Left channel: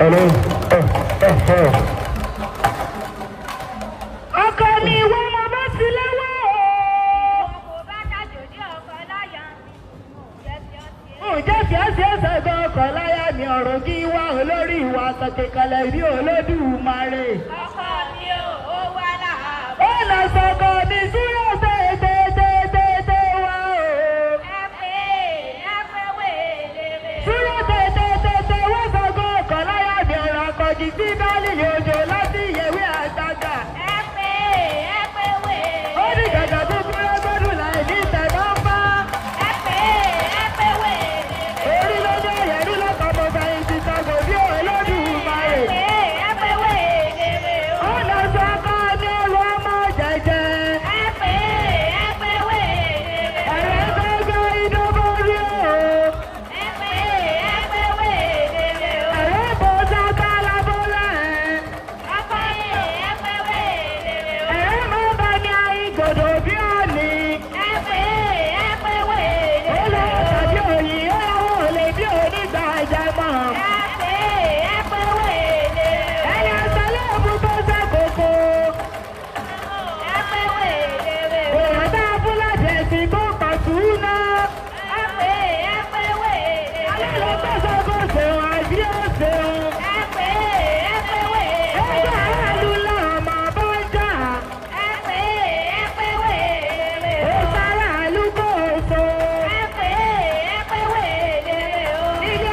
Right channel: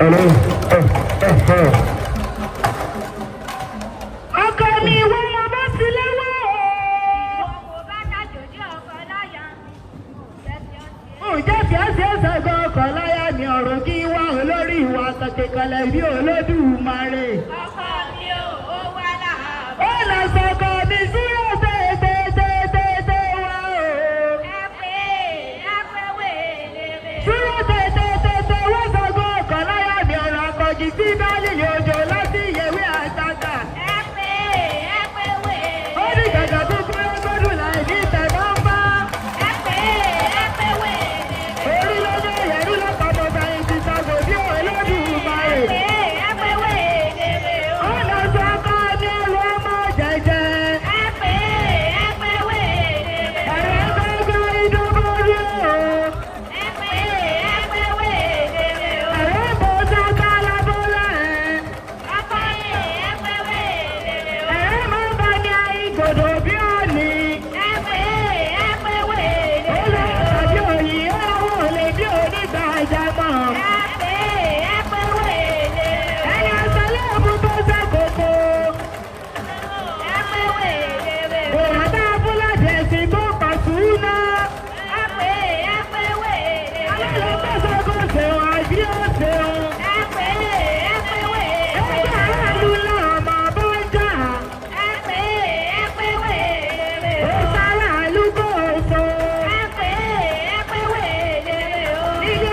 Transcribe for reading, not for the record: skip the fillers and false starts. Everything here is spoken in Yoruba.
Hello. Ọkọ mi wọ́n lọ bá sí lélẹ̀. Ǹjẹ́ fíẹ́sì ẹ̀sẹ̀ gan ọkọ̀ láyà ni ọ̀rọ̀ kí wá olórí ìwà sọ̀kẹ̀kẹ̀lẹ̀ bí Olódùmarè. Ọkọ mi ò wá láàbọ̀. Ó lọ sọ̀kọ̀ mi sí ọ̀sẹ̀ tètè wá o. Ẹ pé wéèrè. Súró tètè wá sọ̀kọ̀ ọkọ̀ láyà ni ọ̀rọ̀ àpọ̀jù tí bẹ́ẹ̀lì yóò jẹ láti ìyẹ̀wé àtàgà. Ẹ pé wéèrè. Ó ní gàgà tó kọ́ ọgọ́dún láì ní tẹ̀lé ọ̀pá. Ẹ pé wéèrè. Orí lọ́jọ́ ìyẹ̀rí ló pàpọ̀ sáyẹn ti sàgbò bí Olódùmarè. Ẹ pé wéèrè. Ó lọ sọ̀kọ̀ ní wọ́n mọ̀ jẹ́jẹ́. Ẹ pé wéèrè. Ẹ̀rọ gbogbo ìdúró ní o. Ẹ pé wéèrè. Ẹ̀rọ bọ̀ sọ́kọ̀ lábúlẹ̀. Ọkọ ẹ pé wéèrè. Ẹ̀rọ mọ̀ bá ní àìgòdò bí òní. Ẹ pé wéèrè. Ilé ìtọ́jú òyìn ó lè bí onígbà ìjàmọ̀. Ẹ pé wéèrè. Ẹ̀yà sọ́lọ́ọ̀bù tó ṣàkóso. Ẹ pé wéèrè. Bòyàbá Fúlàdì ẹ̀sìn tó pàṣú ná. Ẹ pé wéèrè. Alálọ́ tó ṣàkóso àbí ọ̀sẹ̀. Ẹ pé wéèrè. Ẹgbẹ́ ẹ̀rù lọ́mọ bó ń jà. Ẹ pé wéèrè. Ó sára àlùkò òṣò. Ẹ pé wéèrè. Ilé